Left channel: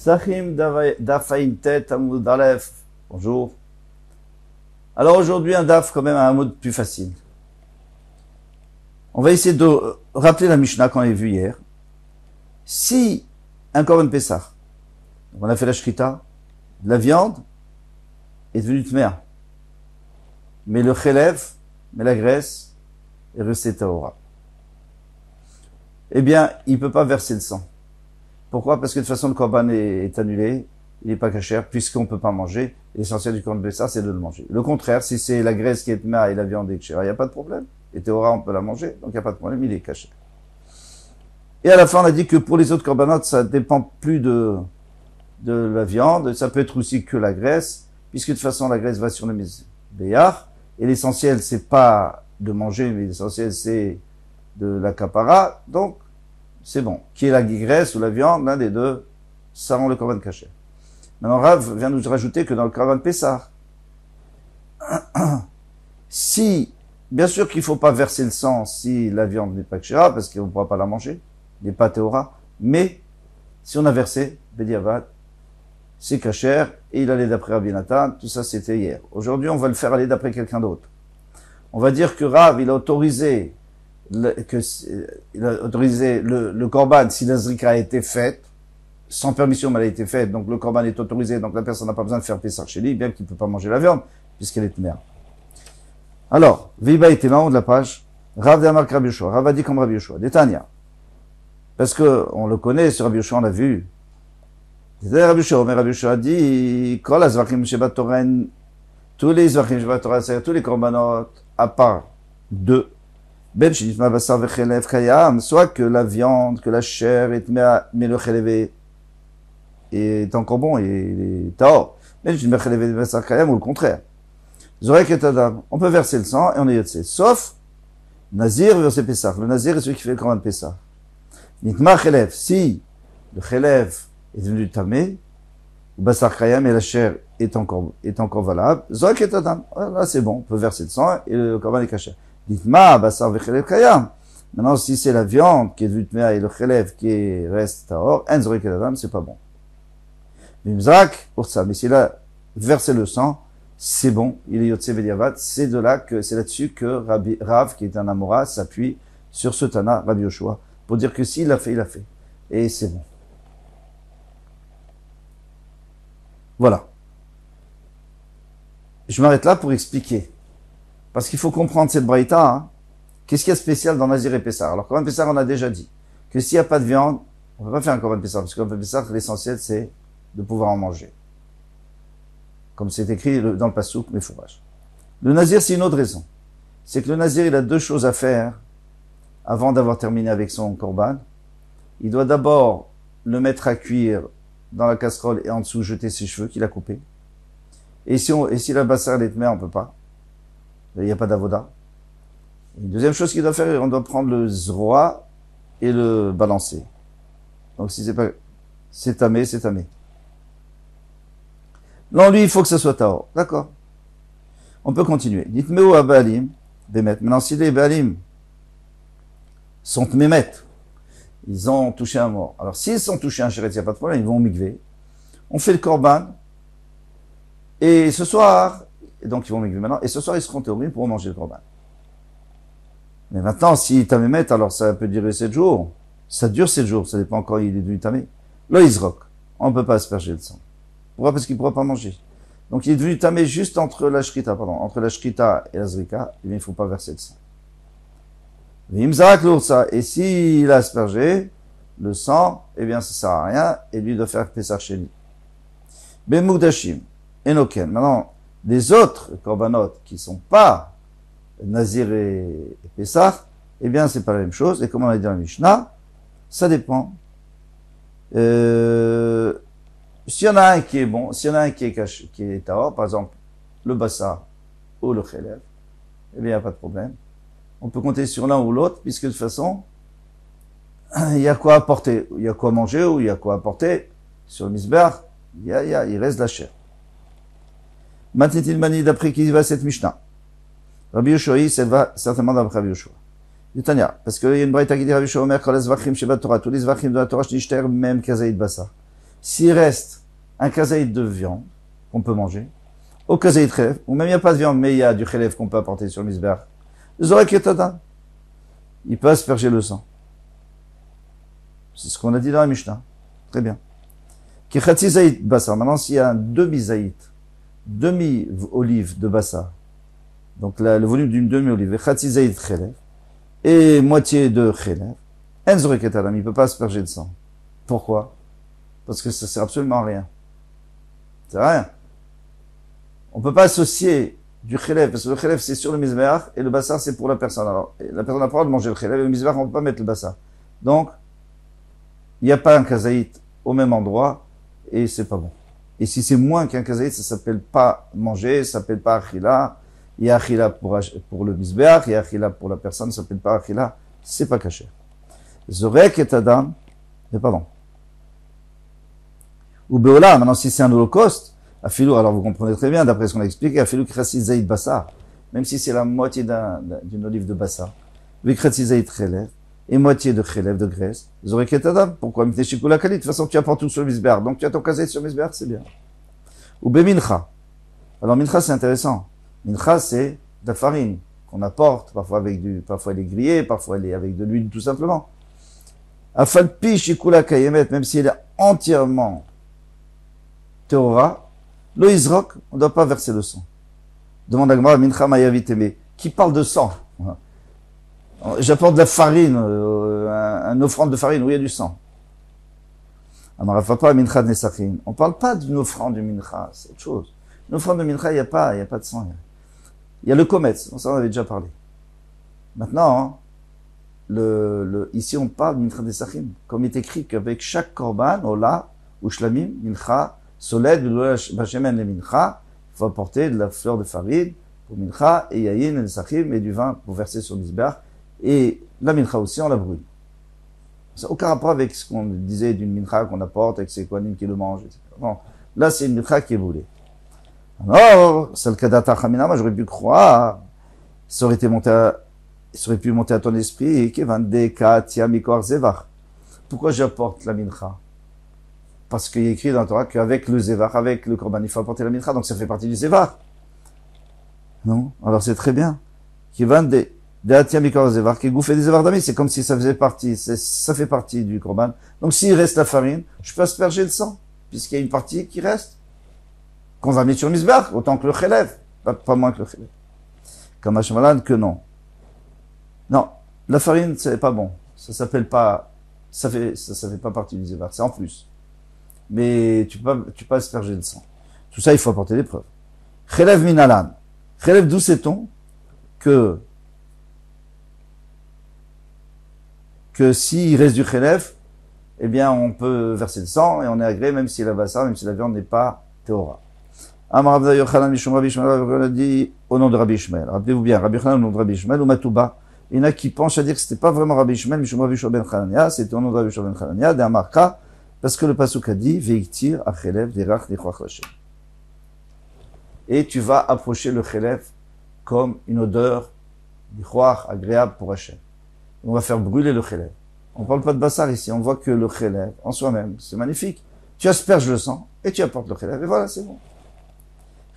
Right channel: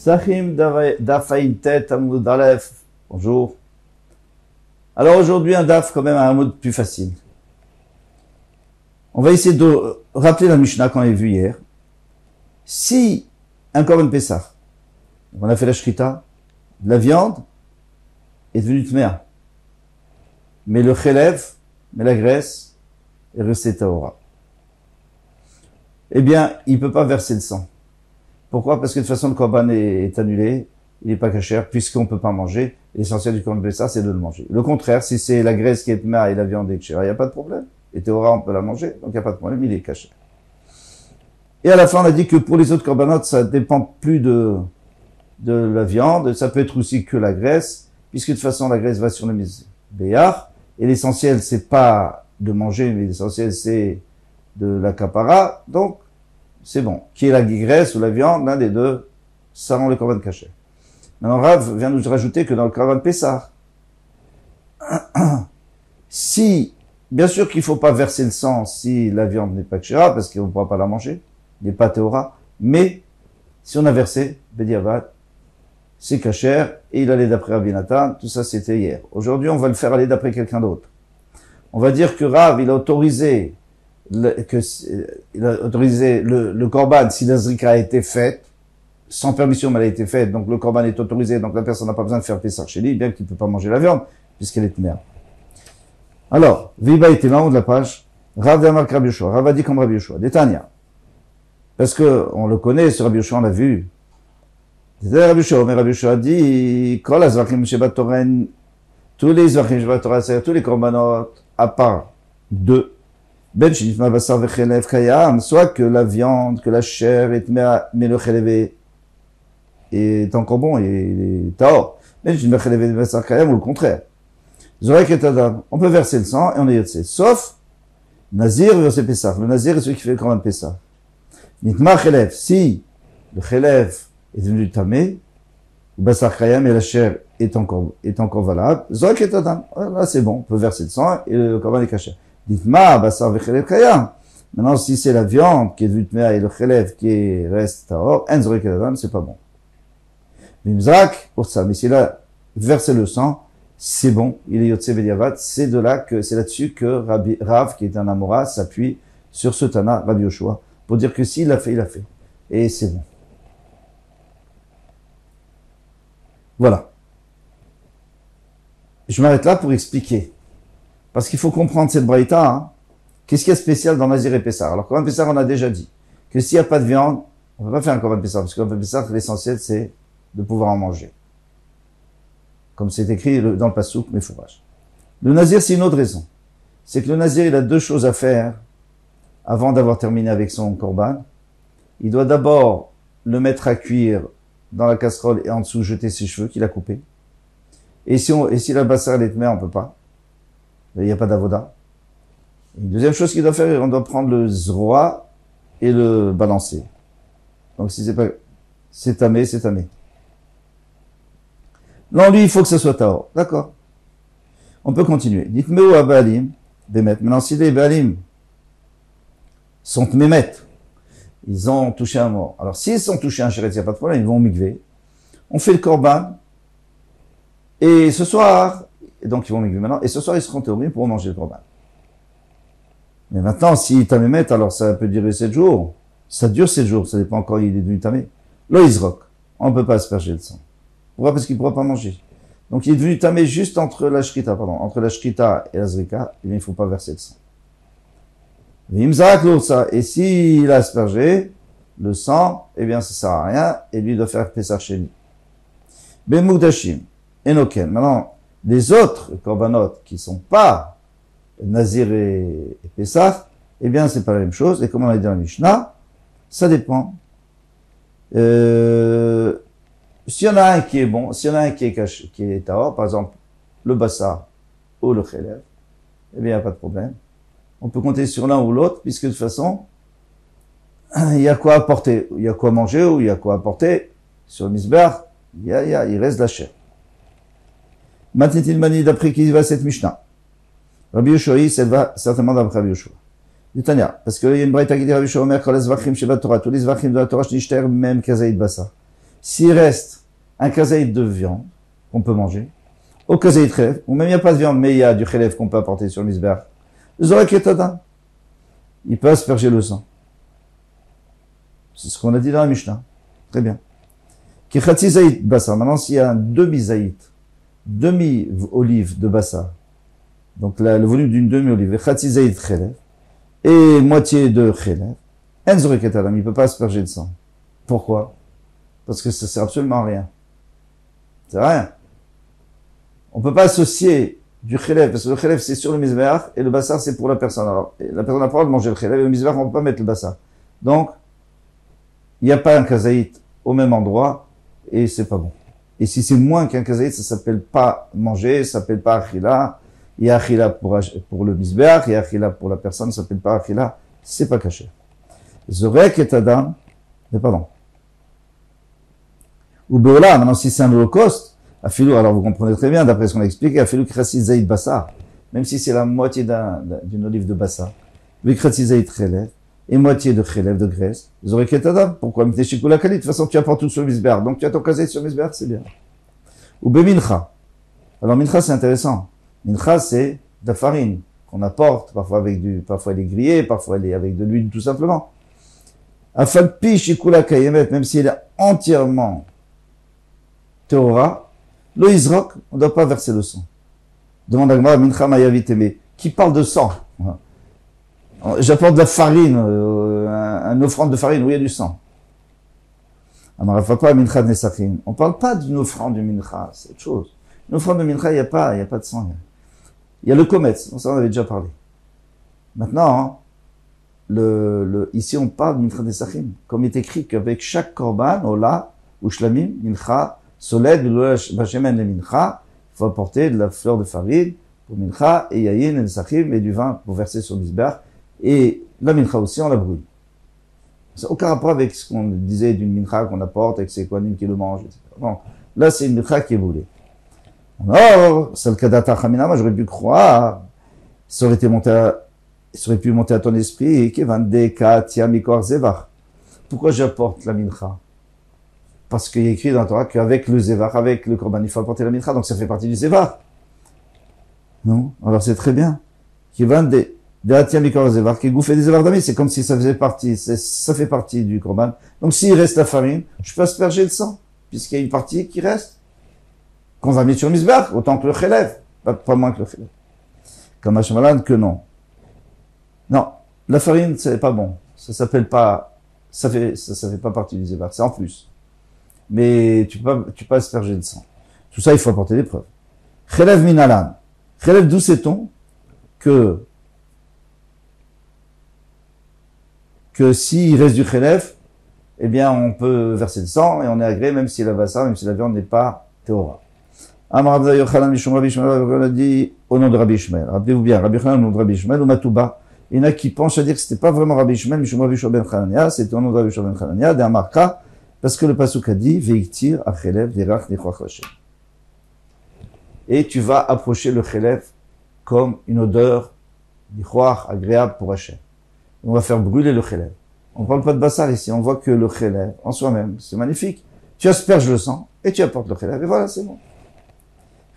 Psachim Dafaintet Amoud Aleph. Bonjour. Alors aujourd'hui, un daf quand même un mot plus facile. On va essayer de rappeler la Mishnah qu'on a vue hier. Si un Korban Pessah, on a fait la shrita, la viande est devenue tmea, mais le chelev, mais la graisse, est restée tahora. Eh bien, il ne peut pas verser le sang. Pourquoi? Parce que de toute façon, le korban est annulé, il n'est pas cachère, puisqu'on ne peut pas manger. L'essentiel du korban Pessah, c'est de le manger. Le contraire, si c'est la graisse qui est tmea et la viande est cachère, il n'y a pas de problème. Et tahora, on peut la manger, donc il n'y a pas de problème, il est cachère. Et à la fin, on a dit que pour les autres korbanot, ça dépend plus de la viande, ça peut être aussi que la graisse, puisque de toute façon, la graisse va sur le mizbeach, et l'essentiel, c'est pas de manger, mais l'essentiel, c'est de la kapara, donc, c'est bon. Qui est la graisse ou la viande, l'un des deux, ça rend le korban caché. Maintenant, Rav vient nous rajouter que dans le korban Pessah, si, bien sûr qu'il faut pas verser le sang si la viande n'est pas kshera, parce qu'on ne pourra pas la manger, il n'est pas théora, mais, si on a versé, bediavad, c'est cachère, et il allait d'après Rabbi Nathan, tout ça c'était hier. Aujourd'hui, on va le faire aller d'après quelqu'un d'autre. On va dire que Rav, il a autorisé le korban si la zrika a été faite, sans permission, mais elle a été faite, donc le korban est autorisé, donc la personne n'a pas besoin de faire Pessah chez lui, bien qu'il ne peut pas manger la viande, puisqu'elle est mère. Alors, Viva était en haut de la page, Rav d'Amar Rabbi Yoshua, Rav a dit comme Rabbi Yoshua, Détania. Parce que, on le connaît, ce Rabbi Yoshua, on l'a vu. Rabbi Yoshua, mais Rabbi Yoshua a dit, Kol azvachim shebat Torah, tous les zvachim shebat Torah, c'est-à-dire tous les korbanot, à part deux, ben shinitma basar vechelev kayam, soit que la viande, que la chair est mais le chelev est encore bon, il est taor. Ben shinitma chelev basar kayam, ou le contraire. Zorek et adam, on peut verser le sang, et on est yotzé. Sauf, Nazir verser Pessah. Le Nazir est celui qui fait le korban Pessah. Nitma chelev, si le chelev est devenu tamé, ou basar kayam, et la chair est encore valable, Zorek et adam, là c'est bon, on peut verser le sang, et le korban est caché. Dites-moi, basar vechelev kayam. Maintenant, si c'est la viande qui est devenue tmea et le chelev qui reste tahor, en zorek et adam, c'est pas bon. Mimzak, pour ça. Mais s'il a versé le sang, c'est bon. Il est yotze bediavad. C'est là-dessus que Rav, qui est un Amora, s'appuie sur ce Tana, Rabbi Yoshua, pour dire que s'il l'a fait, il l'a fait. Et c'est bon. Voilà. Je m'arrête là pour expliquer. Parce qu'il faut comprendre cette braïta, hein. Qu'est-ce qu'il y a de spécial dans Nazir et Pessah? Alors, Korban Pessah, on a déjà dit que s'il n'y a pas de viande, on ne peut pas faire un Korban Pessah, parce que Korban Pessah, l'essentiel, c'est de pouvoir en manger. Comme c'est écrit dans le Passouk, mes fourrages. Le Nazir, c'est une autre raison. C'est que le Nazir, il a deux choses à faire avant d'avoir terminé avec son Korban. Il doit d'abord le mettre à cuire dans la casserole et en dessous jeter ses cheveux qu'il a coupés. Et si la bassar est tmea, on peut pas. Il n'y a pas d'avoda. Une deuxième chose qu'il doit faire, on doit prendre le zroa et le balancer. Donc si c'est tamé, c'est tamé. Non, lui, il faut que ça soit tahor. D'accord. On peut continuer. Dites-moi où à Baalim, Bémet. Maintenant, si les Baalim sont mémet, ils ont touché un mort. Alors, s'ils sont touchés un chéret, il n'y a pas de problème, ils vont au mikvé. On fait le korban. Et ce soir, donc ils vont au mikvé maintenant, et ce soir, ils seront théoris pour manger le korban. Mais maintenant, si tamémet, alors ça peut durer 7 jours. Ça dure 7 jours, ça dépend encore, il est devenu tamé. Lo izrok. On ne peut pas asperger le sang. Pourquoi? Parce qu'il ne pourra pas manger. Donc il est devenu tamé juste entre la shrita et la zrika, eh bien, il ne faut pas verser le sang. Vimzak l'oursa. Et s'il a aspergé le sang, eh bien, ça sert à rien, et lui doit faire Pessah Sheni. Bemugdashim. Enoken. Maintenant, les autres korbanot qui ne sont pas Nazir et Pessah, eh bien, c'est pas la même chose. Et comme on a dit dans la Mishnah, ça dépend. S'il y en a un qui est bon, s'il y en a un qui est tahor, par exemple, le bassa ou le chelev, eh bien, il n'y a pas de problème. On peut compter sur l'un ou l'autre, puisque de toute façon, il y a quoi apporter, il y a quoi manger, ou il y a quoi apporter. Sur le misber, il reste de la chair. Maintenant, mani d'après qui va cette Mishnah? Rabbi Yoshua, ça va certainement d'après Rabbi Yoshua. Tanya, parce qu'il y a une braïta qui dit Rabbi Yoshua Omer, Kol hazvachim shebat Torah, tous les zvachim de la Torah, shnishter même kazaïd bassa. S'il reste un kazaït de viande qu'on peut manger, au kazaït chélèv, ou même il n'y a pas de viande, mais il y a du chélèv qu'on peut apporter sur le misbeach, zorek et tadam, il peut asperger le sang. C'est ce qu'on a dit dans la Mishnah. Très bien. Kechatzi zaït bassa. Maintenant, s'il y a un demi-zaït, demi-olive de bassa, donc le volume d'une demi-olive, kechatzi zaït chélèv, et moitié de chélèv, en zorek et tadam, il ne peut pas asperger de sang. Pourquoi? Parce que ça sert absolument à rien. C'est rien. On peut pas associer du chélèv, parce que le chélèv c'est sur le misbeach, et le bassar c'est pour la personne. Alors, la personne a pas le droit de manger le chélèv, et le misbeach on peut pas mettre le bassar. Donc, il n'y a pas un kazaït au même endroit, et c'est pas bon. Et si c'est moins qu'un kazaït, ça s'appelle pas manger, ça s'appelle pas achila. Il y a achila pour le misbeach, il y a achila pour la personne, ça s'appelle pas achila, c'est pas caché. Zorek et adam, mais pardon. Ou beola, maintenant si c'est un holocauste, afilou, alors vous comprenez très bien, d'après ce qu'on a expliqué, afilou krasi zaïd bassa, même si c'est la moitié d'une olive de bassa, krasi zaïd chélèv, et moitié de chélèv, de graisse, zorek et adam, pourquoi? De toute façon tu apportes tout sur le misbeach, donc tu as ton kazaït sur le misbeach, c'est bien. Ou bemincha. Alors mincha c'est intéressant. Mincha c'est de la farine, qu'on apporte, parfois parfois elle est grillée, parfois elle est avec de l'huile tout simplement. Afalpi shikula kayemet, même si elle est entièrement Théora, lo izrok, on ne doit pas verser le sang. Demande à Gmara, mincha mayaviteme, qui parle de sang. J'apporte de la farine, un offrande de farine où il y a du sang. Amarafapa, mincha nesachim. On ne parle pas d'une offrande de mincha, c'est autre chose. Une offrande de mincha, il n'y a pas de sang. Il y a le kometz, ça on avait déjà parlé. Maintenant, ici on parle de mincha nesachim, comme il est écrit qu'avec chaque korban, ola, ou shlamim, mincha, soled, bachemen le mincha, il faut apporter de la fleur de farine pour mincha, et yayin, et nesachim, et du vin pour verser sur le misbeach, et la mincha aussi, on la brûle. Ça n'a aucun rapport avec ce qu'on disait d'une mincha qu'on apporte, avec ses kohanim qui le mangent, etc. Bon, là c'est une mincha qui est brûlée. Alors, c'est le kadata chamina, moi j'aurais pu croire, ça aurait pu monter à ton esprit, pourquoi j'apporte la mincha? Parce qu'il est écrit dans la Torah qu'avec le zévar, avec le korban, il faut apporter la mincha, donc ça fait partie du zévar. Non? Alors c'est très bien. Qui va de atia mikor zévar, qui gouffait des zévar d'amis, c'est comme si ça faisait partie, ça fait partie du korban. Donc s'il reste la farine, je peux asperger le sang, puisqu'il y a une partie qui reste, qu'on va mettre sur le misbeach, autant que le chélèv, pas moins que le chélèv. Comme Hashmalan, que non. Non, la farine, c'est pas bon. Ça s'appelle pas, ça fait pas partie du zévar, c'est en plus. Mais tu peux asperger le sang. Tout ça, il faut apporter des preuves. Chelev minalan. Chelev, d'où sait-on que s'il reste du chelev, eh bien, on peut verser le sang et on est agréé, même si la bassa, même si la viande n'est pas théora. Amar Abda Yochanan Mishum Rabbi Ishmael, on a dit au nom de Rabbi Ishmael. Rappelez-vous bien, Rabbi Yochanan au nom de Rabbi Ishmael, ou Matouba. Il y en a qui pensent à dire que c'était pas vraiment Rabbi Ishmael, Mishum Rabbi Shua ben Chanania, c'était au nom de Rabbi Shua ben Chanania, d'un marka, parce que le pasuk a dit, Veiktir achelev derach nechwach Hashem. Et tu vas approcher le chelev comme une odeur nechwach agréable pour Hashem. On va faire brûler le chelev. On parle pas de bassar ici, on voit que le chelev, en soi-même, c'est magnifique. Tu asperges le sang, et tu apportes le chelev, et voilà, c'est bon.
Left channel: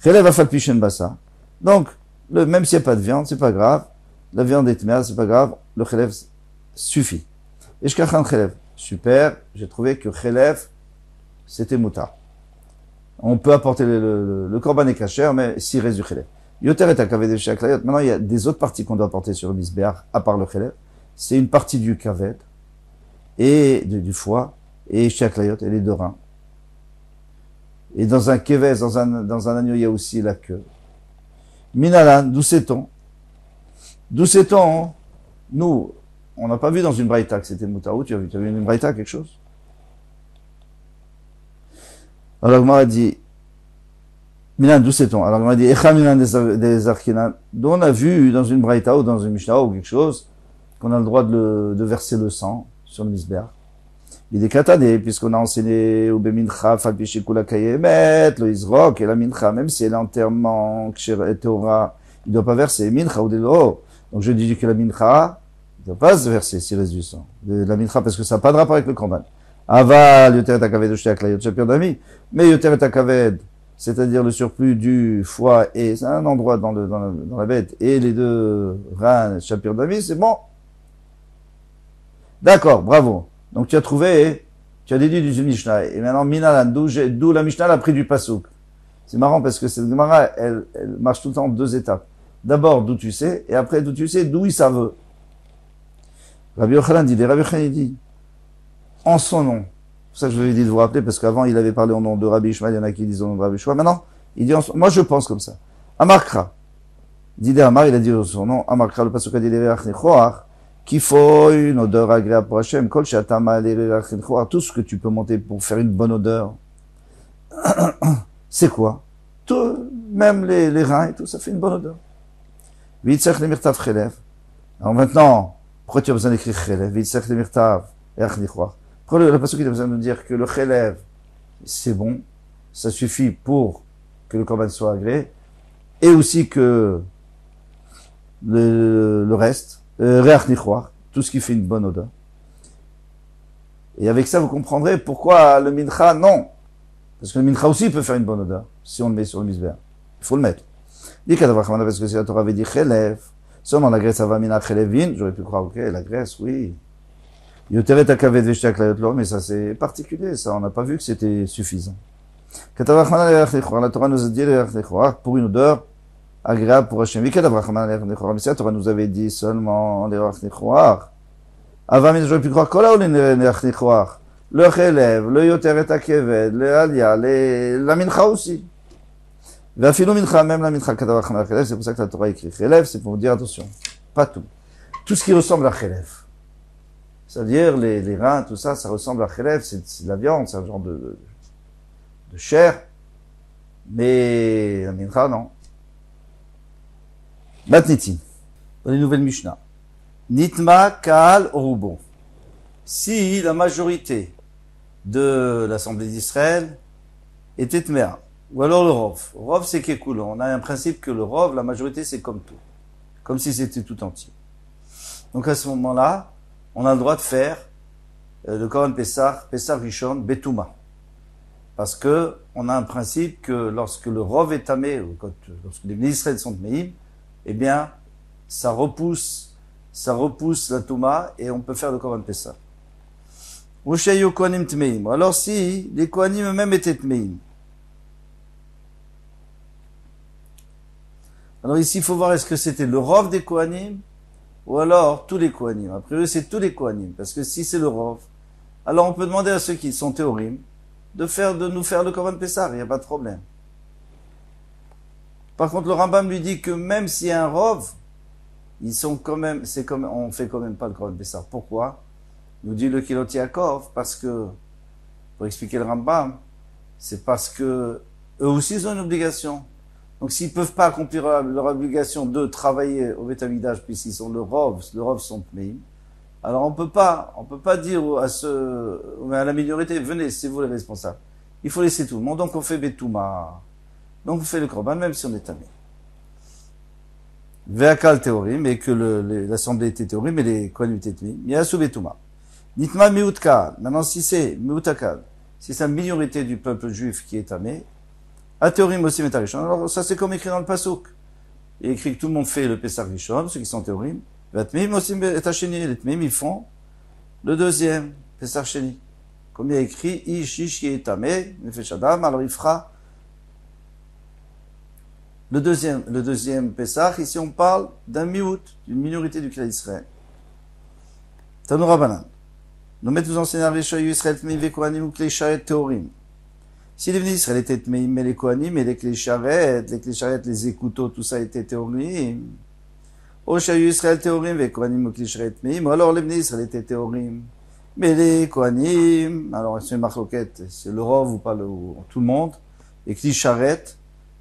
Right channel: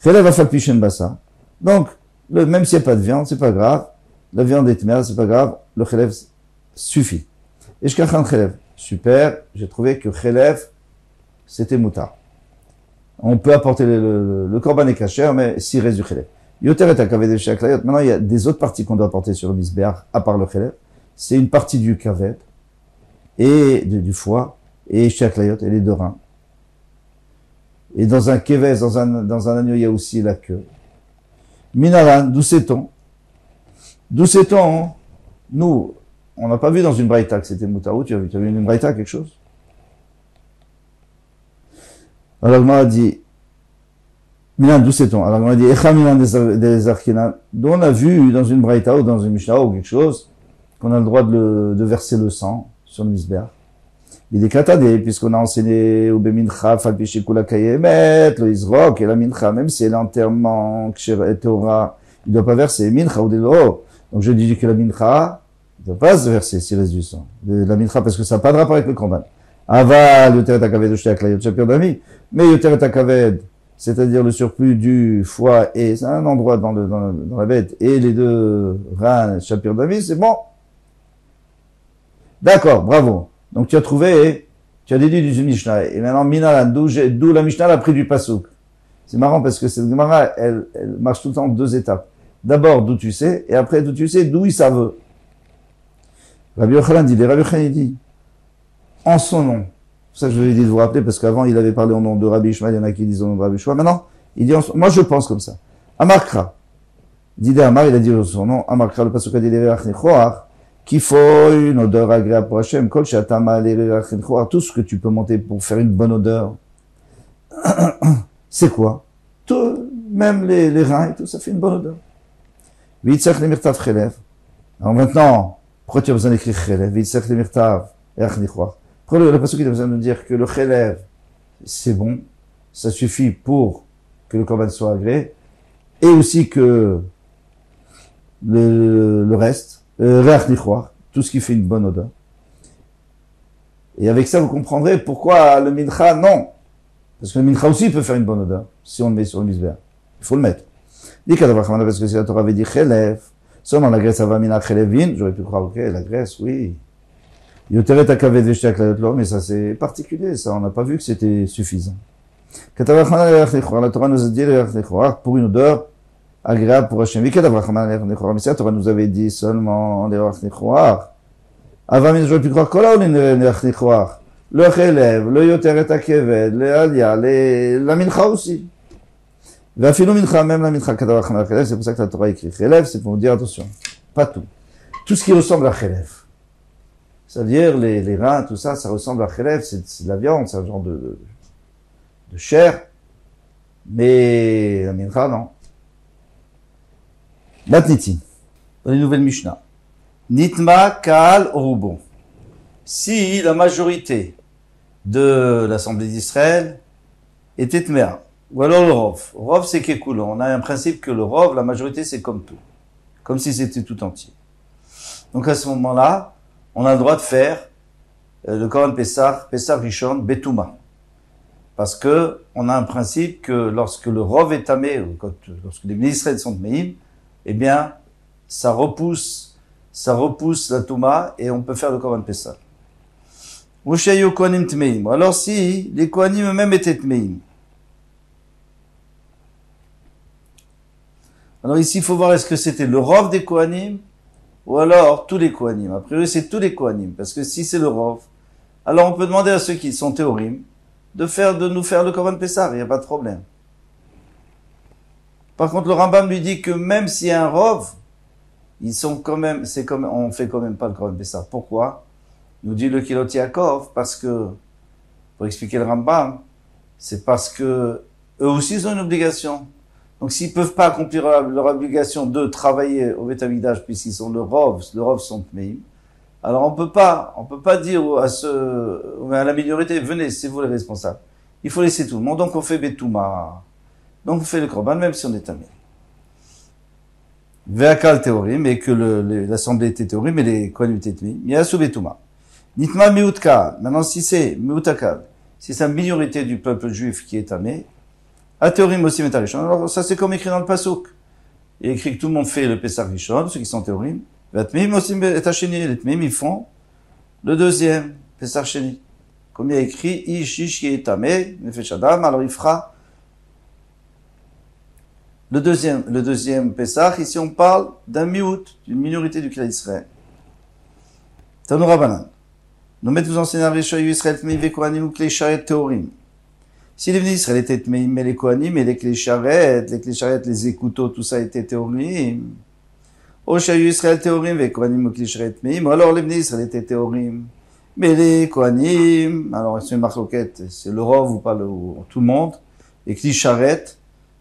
Chelev afal pishen bassar. Donc, même s'il n'y a pas de viande, c'est pas grave. La viande est mère, c'est pas grave. Le chelev suffit. Et je kachan chelev. Super, j'ai trouvé que chelev, c'était moutar. On peut apporter le korban et kasher, mais s'il reste du chelev. Yoter et akavet de shaklayot. Maintenant, il y a des autres parties qu'on doit apporter sur le misbeach, à part le chelev. C'est une partie du kavet, et du foie, et shaklayot, et les deux reins. Et dans un keves, dans un agneau, il y a aussi la queue. Minalan, d'où sait-on? D'où sait-on? Nous, on n'a pas vu dans une braïta que c'était moutarou. Tu as vu une braïta, quelque chose? Alors, Gmara a dit, Milan, d'où sait-on? Alors, Gmara a dit, Echa Milan des Arkinan, dont on a vu dans une braïta ou dans une mishnah ou quelque chose, qu'on a le droit de verser le sang sur le misbeach. Il est katadé, puisqu'on a enseigné au bemincha, falpishikula kayemet, le izrok, et la mincha, même si elle est entièrement théora, il ne doit pas verser mincha ou delo. Donc je dis que la mincha, il ne doit pas se verser s'il reste du sang. La mincha, parce que ça n'a pas de rapport avec le korban. Aval, Yoteret Akaved, Ushtek, la Yotchapir d'Ami. Mais Yoteret Akaved, c'est-à-dire le surplus du foie, et c'est un endroit dans la bête, et les deux reins, Shapir d'Ami, c'est bon. D'accord, bravo. Donc tu as trouvé, tu as déduit du Mishnah. Et maintenant, Minalan, d'où la Mishnah a pris du Pasouk. C'est marrant parce que cette Gemara, elle marche tout le temps en deux étapes. D'abord, d'où tu sais, et après, d'où tu sais, d'où il savent. Rabbi Yochanan dit, en son nom. C'est ça que je lui ai dit de vous rappeler, parce qu'avant, il avait parlé au nom de Rabbi Ishmael, il y en a qui disent au nom de Rabbi Ishmael. Maintenant, il dit, moi je pense comme ça. Amarkra. Didé Amar, il a dit son nom, Amarkra, le Pasouk a dit, qu'il faut une odeur agréable pour Hachem. Kol shatama tout ce que tu peux monter pour faire une bonne odeur. C'est quoi? Tout, même les reins et tout, ça fait une bonne odeur. V'itzach le mirtav chelev. Alors maintenant, pourquoi tu as besoin d'écrire chelev? V'itzach le mirtav erachnichoar. Pourquoi le pasuk il a besoin de nous dire que le chelev, c'est bon, ça suffit pour que le korban soit agréé, et aussi que le reste, tout ce qui fait une bonne odeur. Et avec ça, vous comprendrez pourquoi le mincha, non. Parce que le mincha aussi peut faire une bonne odeur, si on le met sur le misbéa. Il faut le mettre. Dit qu'Adavachamana, parce que si la Torah avait dit chelev, seulement la graisseava mina chelevin, j'aurais pu croire, ok, la graisse, oui. Yoteret akaved veshtek layotlo, mais ça c'est particulier, ça, on n'a pas vu que c'était suffisant. La Torah nous a dit pour une odeur agréable pour Hachem. Mais la Torah nous avait dit seulement avant, j'aurais pu croire le chelev, le yoteret akaved, le alia, la mincha aussi. Même la mincha, c'est pour ça que la Torah écrit chelev, c'est pour vous dire attention, pas tout. Tout ce qui ressemble à chelev. C'est-à-dire les reins, tout ça, ça ressemble à chelev, c'est de la viande, c'est un genre de chair. Mais la mincha, non. Matnitin, dans les nouvelles Mishnah. Nitma Kaal Orubon. Si la majorité de l'Assemblée d'Israël était Tmea, ou alors le Rov. Rov, c'est Kekul. On a un principe que le Rov, la majorité, c'est comme tout. Comme si c'était tout entier. Donc à ce moment-là, on a le droit de faire le Korban Pessah Rishon, Betouma. Parce que on a un principe que lorsque le Rov est tamé, ou lorsque les Israël sont Tmeim, eh bien, ça repousse la Touma et on peut faire le Korban Pessah. Alors si les Kohanim eux-mêmes étaient Tmeim. Alors ici, il faut voir est-ce que c'était le Rov des Kohanim ou alors tous les Kohanim. A priori, c'est tous les Kohanim. Parce que si c'est le Rov, alors on peut demander à ceux qui sont théorim de nous faire le Korban Pessah. Il n'y a pas de problème. Par contre, le Rambam lui dit que même s'il y a un Rov, ils sont quand même, on fait quand même pas le Korban Pessah. Pourquoi? Nous dit le Kilot Yaakov, parce que, pour expliquer le Rambam, c'est parce que eux aussi ils ont une obligation. Donc s'ils peuvent pas accomplir leur obligation de travailler au Beth Amikdash puisqu'ils sont le Rov sont Tmeim, alors on peut pas dire à la minorité, venez, c'est vous les responsables. Il faut laisser tout le monde, donc on fait Betouma. Donc on fait le Korban, même si on est tamé. Ve'akal théorim, et que l'assemblée était théorim, mais les Kohanim étaient Tmeim. Yasu Betouma. Nitma miutkal. Maintenant, si c'est miutakal, si c'est la minorité du peuple juif qui est tamé, à théorim aussi métarishon. Alors, ça, c'est comme écrit dans le Pasuk. Il est écrit que tout le monde fait le Pessah Rishon, ceux qui sont théorim. Vatmim aussi etacheni. Les Tmeim, ils font le deuxième Pessah Sheni. Comme il y a écrit, Ish qui est tamé, Nefesh Adam, alors il fera le deuxième Pessah. Ici, on parle d'un miout, d'une minorité du clan d'Israël. Tanoura Banan. Nous mettons en scénario Rishoyu Israël Tmeim ve Kohanim ou Klei Sharet Théorim. Si les Bnei Israël étaient Tmeim, mais les Kohanim et les Klei Sharet, les écouteaux, tout ça était Théorim. O Shayu Israël Théorim ve Kohanim ou Klei Sharet Tmeim. Alors les Bnei Israël étaient Théorim. Mais les Kohanim, alors c'est une marloquette, c'est le Rov ou pas tout le monde, les Klei Sharet,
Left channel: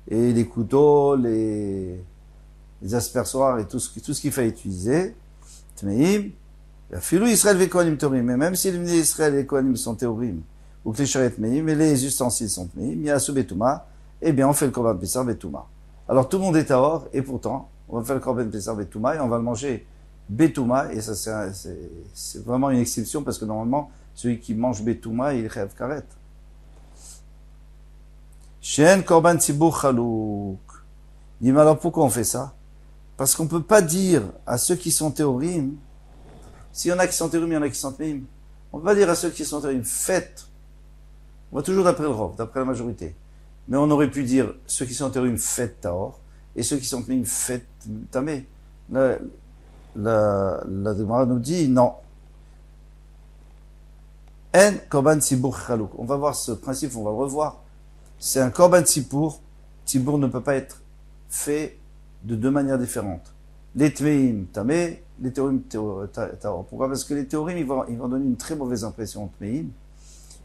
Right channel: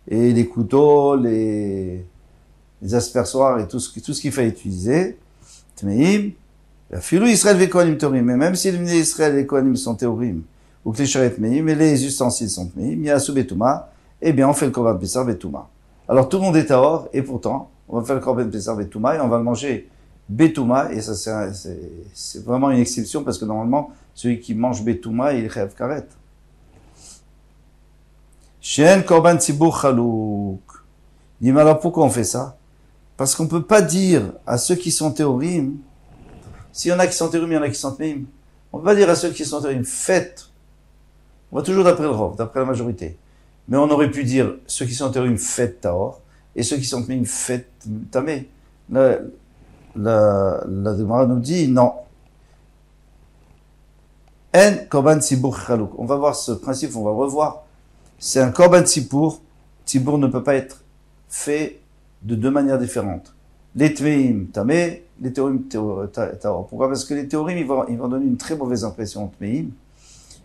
et les couteaux, les aspersoirs et tout ce qu'il fallait utiliser. Tmeim. Filou Israël ve Kohanim Théorim, mais même si les Bnei Israël et les Kohanim sont Théorim, ou que les Sharet Tmeim, mais les ustensiles sont Tmeim, Yasu Betouma, eh bien on fait le Korban Pessah Betouma. Alors tout le monde est Tahor, et pourtant, on va faire le Korban Pessah Betouma, et on va le manger Betouma, et ça c'est vraiment une exception, parce que normalement, Celui qui mange Betouma, il est chayav karet. Shen korban tzibur chalouk. Il dit, mais alors pourquoi on fait ça? Parce qu'on peut pas dire à ceux qui sont théorim, s'il y en a qui sont théorim, il y en a qui sont tméim, on peut pas dire à ceux qui sont théorim, faites. On va toujours d'après le rov, d'après la majorité. Mais on aurait pu dire, ceux qui sont théorim, faites taor, et ceux qui sont tméim, faites tamé. La Gemara nous dit, non. En korban tzibur chalouk. On va voir ce principe, on va le revoir. C'est un korban tzibur. Tzibur ne peut pas être fait de deux manières différentes. Les tmeim tamé, les théorim taor. Pourquoi? Parce que les théorim, ils vont donner une très mauvaise impression aux tmeim.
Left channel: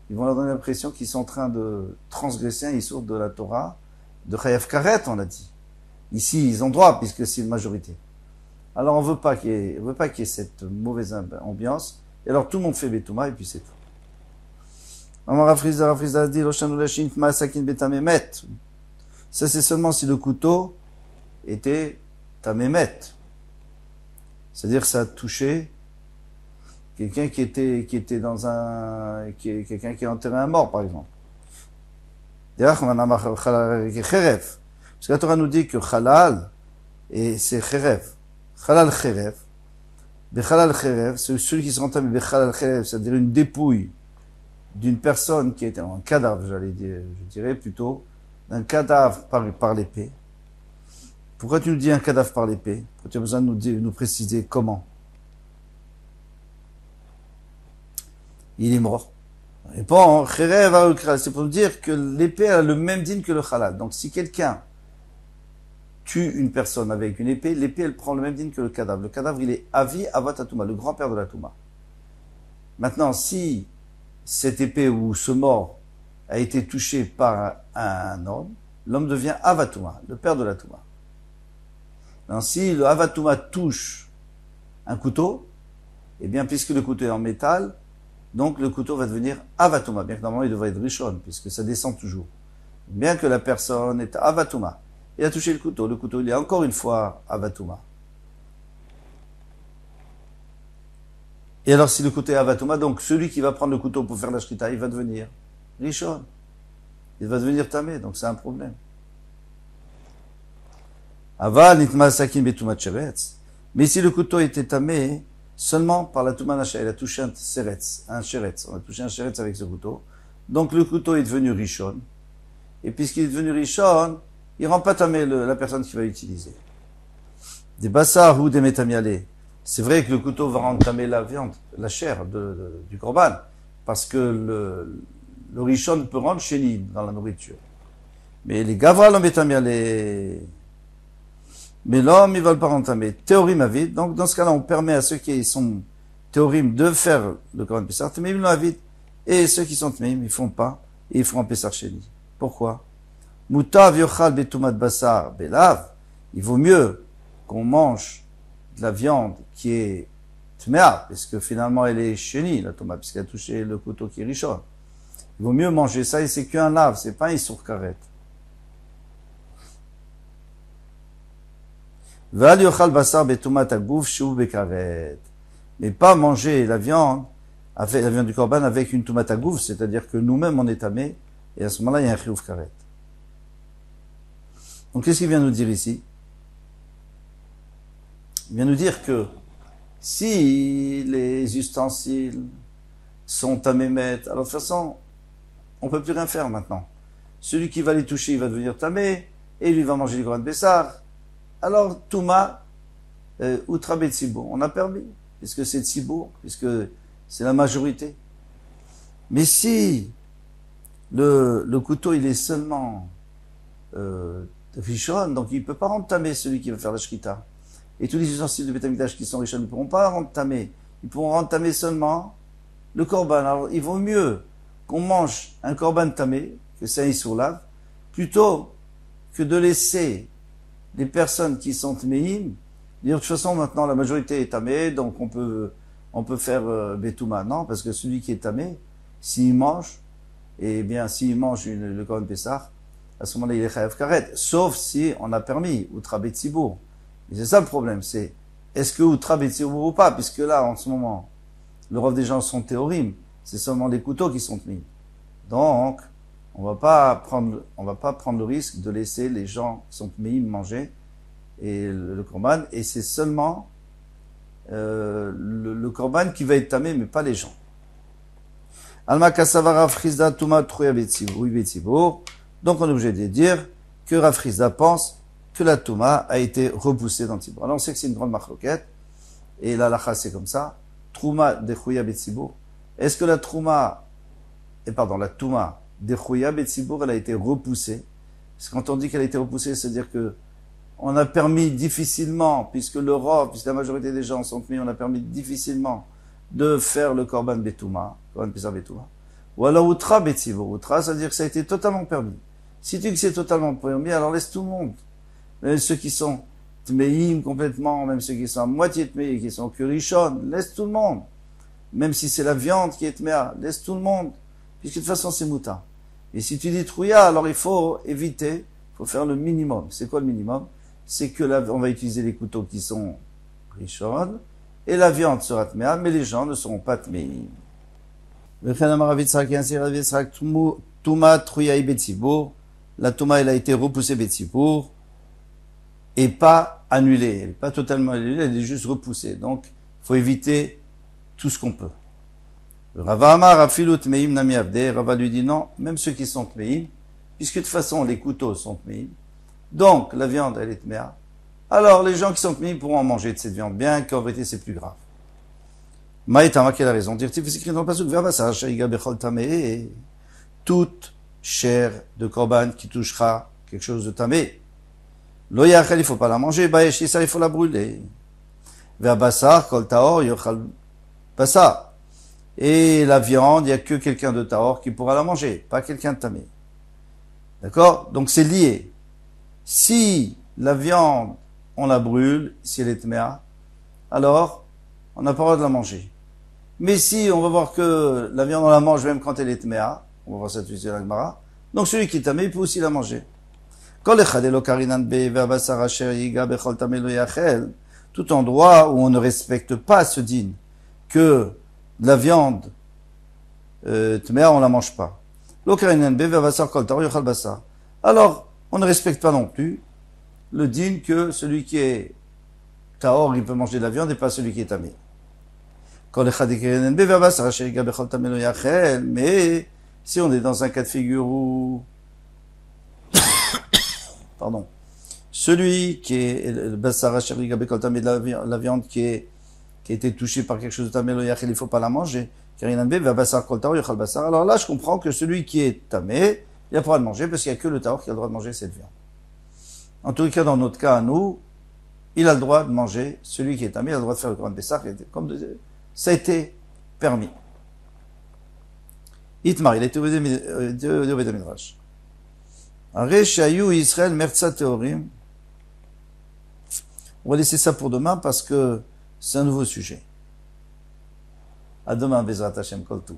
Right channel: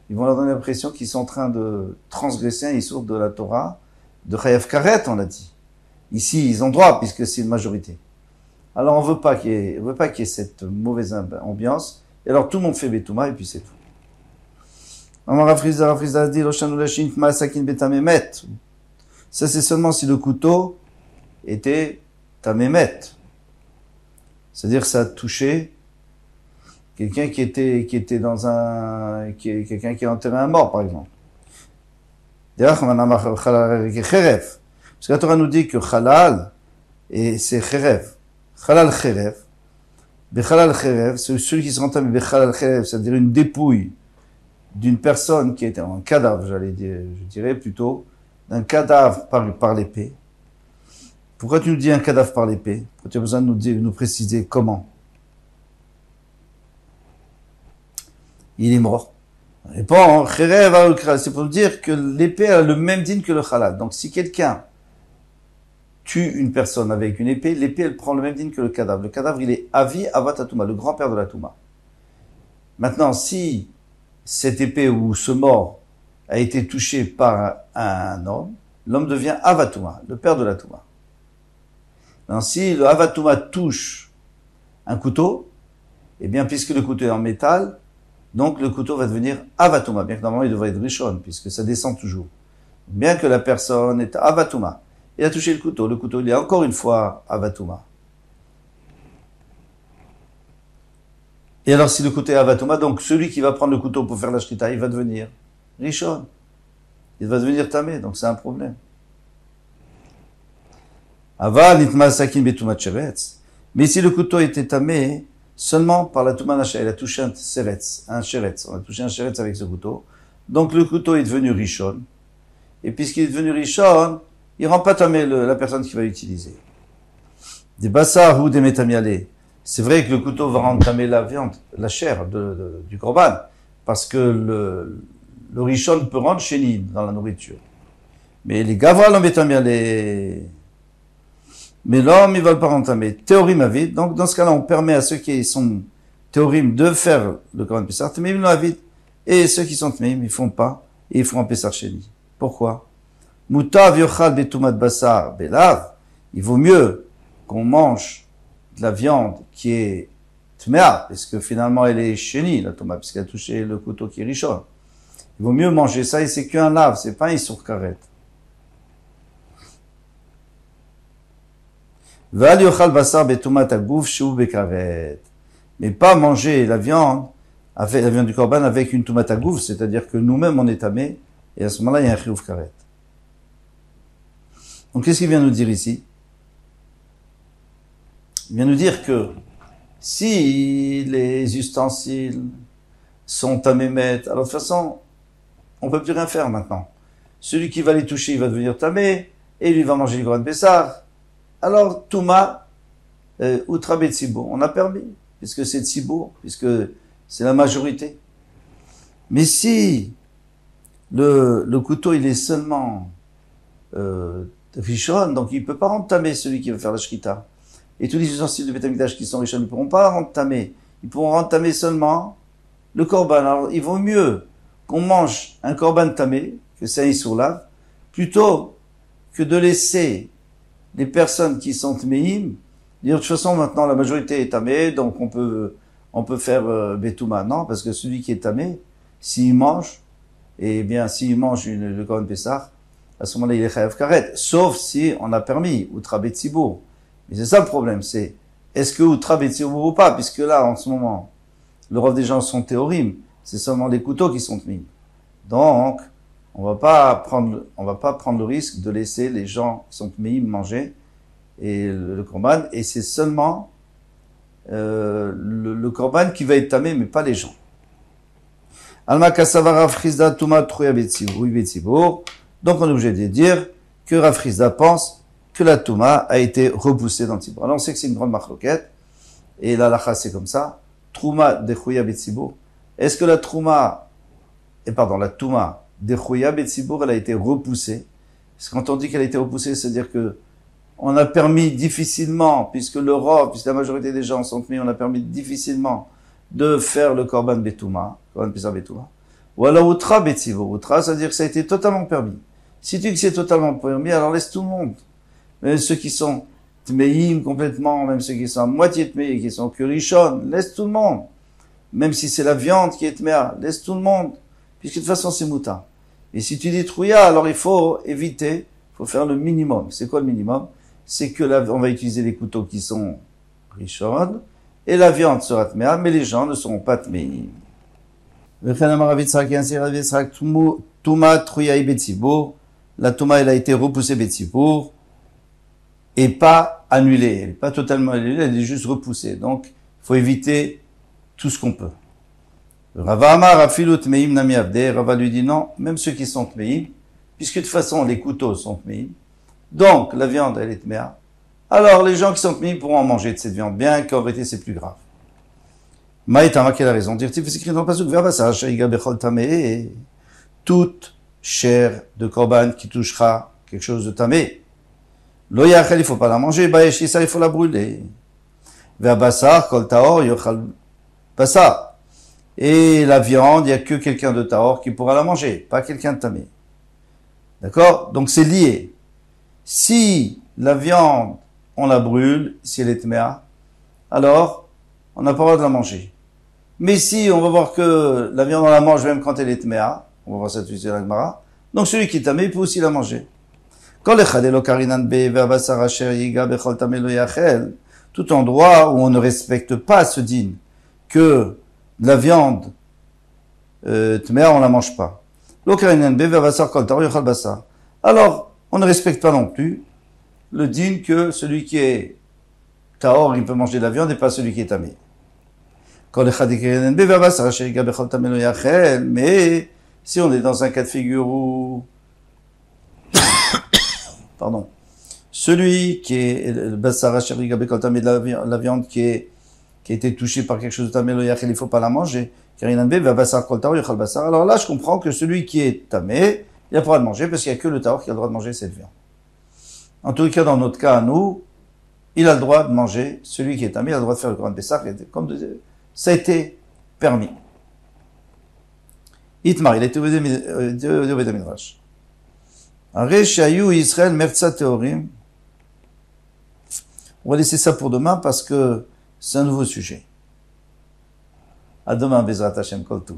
Ils vont leur donner l'impression qu'ils sont en train de transgresser un issour de la Torah, de chayav karet, on a dit. Ici, ils ont droit, puisque c'est une majorité. Alors, on veut pas qu'il y ait cette mauvaise ambiance. Et alors, tout le monde fait Betouma, et puis c'est tout. Ça, c'est seulement si le couteau était tamémet. C'est-à-dire ça a touché quelqu'un qui était dans quelqu'un qui a enterré un mort, par exemple. Parce que la Torah nous dit que halal, et c'est cherev. Halal cherev. Bechalal cherev, c'est celui qui se entamé bechalal cherev, c'est-à-dire une dépouille d'une personne qui était un cadavre, je dirais plutôt, d'un cadavre par l'épée. Pourquoi tu nous dis un cadavre par l'épée? Pourquoi tu as besoin de nous préciser comment? Il est mort. Répond, c'est pour nous dire que l'épée a le même dîne que le halal. Donc si quelqu'un tue une personne avec une épée, l'épée elle prend le même dîne que le cadavre. Le cadavre il est Avi Avat Touma, le grand-père de la Touma. Maintenant, si cette épée ou ce mort a été touché par un homme, l'homme devient Avatouma, le père de la Touma. Alors, si le Avatouma touche un couteau, eh bien, puisque le couteau est en métal, donc le couteau va devenir Avatouma, bien que normalement il devrait être Rishon, puisque ça descend toujours. Bien que la personne est Avatouma, il a touché le couteau il est encore une fois Avatouma. Et alors, si le couteau est Avatouma, donc celui qui va prendre le couteau pour faire la shrita, il va devenir Rishon. Il va devenir Tamé, donc c'est un problème. Aval nitma sakin betumat sheretz. Mais si le couteau était Tamé, seulement par la Touma Nasha, il a touché un sheretz. On a touché un sheretz avec ce couteau. Donc le couteau est devenu Rishon. Et puisqu'il est devenu Rishon, il rend pas Tamé la personne qui va l'utiliser. Des bassar ou des metamialé. C'est vrai que le couteau va rendre tamé la viande, la chair du korban, parce que le rishon peut rendre chéni dans la nourriture. Mais les gavra l'ont metamialé. Mais l'homme, ils veulent pas rendre tamé. Théorim avid. Donc, dans ce cas-là, on permet à ceux qui sont théorim de faire le korban pessar, tméim lo avid. Et ceux qui sont tméim, ils font pas, et ils font un pessar chéni. Pourquoi? Mutav yochal betumat basar belav. Il vaut mieux qu'on mange de la viande qui est tméa, parce que finalement elle est chénie, la tomate, puisqu'elle a touché le couteau qui est rishon. Il vaut mieux manger ça, et c'est qu'un lave, c'est pas un issour karet. Val yochal basar betumat agouf shu bekaret. Mais pas manger la viande du korban avec une tumat agouf, c'est-à-dire que nous-mêmes on est tamé, et à ce moment-là il y a un chiyuv karet. Donc qu'est-ce qu'il vient nous dire ici? Il vient nous dire que si les ustensiles sont tamémet, alors de toute façon, on peut plus rien faire maintenant. Celui qui va les toucher, il va devenir tamé, et lui va manger le korban pessar. Alors, Touma, outra betsibour, on a permis, puisque c'est tsibour, puisque c'est la majorité. Mais si le couteau, il est seulement rishon, donc il peut pas rendre tamé celui qui va faire la shrita. Et tous les ustensiles de Beth Amikdash qui sont riches, ils ne pourront pas rendre tamé. Ils pourront rendre tamé seulement le korban. Alors, il vaut mieux qu'on mange un korban tamé, que c'est un issour lave, plutôt que de laisser les personnes qui sont tméim dire, de toute façon, maintenant, la majorité est tamé, donc on peut faire Betouma. Non, parce que celui qui est tamé, s'il mange, eh bien, s'il mange le korban pessar, à ce moment-là, il est chayav karet. Sauf si on a permis, outra betsibour. Et c'est ça le problème, c'est est-ce que outra betsibour ou pas, puisque là, en ce moment, le rôle des gens sont théorim. c'est seulement les couteaux qui sont mis. Donc, on va pas prendre le risque de laisser les gens qui sont mis manger et le korban, et c'est seulement le korban qui va être tamé, mais pas les gens. Alma kasava Rav Chizda tuma truya betzibur. Donc on est obligé de dire que Rav Chizda pense que la touma a été repoussée dans le Tzibour. Alors on sait que c'est une grande marloquette, et la lacha c'est comme ça. Trouma de chuya betzibur. Est-ce que la touma de chuya betzibur, elle a été repoussée? Parce que quand on dit qu'elle a été repoussée, c'est-à-dire que on a permis difficilement, puisque la majorité des gens sont mis, on a permis difficilement de faire le korban betouma, korban pisa betouma. Ou alors outra betzibur. Outra, c'est-à-dire que ça a été totalement permis. Si tu dis que c'est totalement permis, alors laisse tout le monde. Même ceux qui sont tmeïm complètement, même ceux qui sont à moitié tmeïm, qui sont kurishon, laisse tout le monde. Même si c'est la viande qui est tméa, laisse tout le monde. Puisque de toute façon c'est mouta. Et si tu dis trouya, alors il faut éviter, il faut faire le minimum. C'est quoi le minimum? C'est que on va utiliser les couteaux qui sont rishon, et la viande sera tméa, mais les gens ne seront pas tméim. La touma, elle a été repoussée betzibur, et pas annulée. Elle n'est pas totalement annulée, elle est juste repoussée. Donc, il faut éviter tout ce qu'on peut. Rava Amar afilut tmeim nami abde. Rava lui dit non, même ceux qui sont tmeim, puisque de toute façon les couteaux sont tmeim, donc la viande elle est tméa. Alors les gens qui sont tmeim pourront en manger de cette viande, bien qu'en vérité c'est plus grave. Maïtama qui a raison. Dire-t-il, c'est écrit dans le pasuk Vervasa shaïga bechol tamé. Toute chair de korban qui touchera quelque chose de tamé. Lo yachel, il faut pas la manger. Bayesh ça il faut la brûler. Verbasar kol taor yochal basar. Et la viande, il n'y a que quelqu'un de taor qui pourra la manger, pas quelqu'un de tamé. D'accord? Donc c'est lié. Si la viande, on la brûle, si elle est tméa, alors on n'a pas le droit de la manger. Mais si on va voir que la viande on la mange même quand elle est tméa, on va voir ça tout de suite dans la Gemara, donc celui qui est tamé, il peut aussi la manger. Tout endroit où on ne respecte pas ce din, que la viande tméa, on la mange pas. Alors, on ne respecte pas non plus le din que celui qui est taor, il peut manger de la viande et pas celui qui est tamé. Mais si on est dans un cas de figure où pardon, celui qui est le bassar asher gabekol tamé, la viande qui a été touchée par quelque chose de tamé lo yachel, il faut pas la manger. Alors là, je comprends que celui qui est tamé, il a pas le droit de manger parce qu'il n'y a que le taor qui a le droit de manger cette viande. En tout cas, dans notre cas, à nous, il a le droit de manger, celui qui est tamé, il a le droit de faire le korban pessah, comme ça a été permis. Itmar, il a été au Beth Midrash. Reshayu Israël Mertza Teorim. On va laisser ça pour demain parce que c'est un nouveau sujet. À demain, Bezrat Hashem Kol Tov.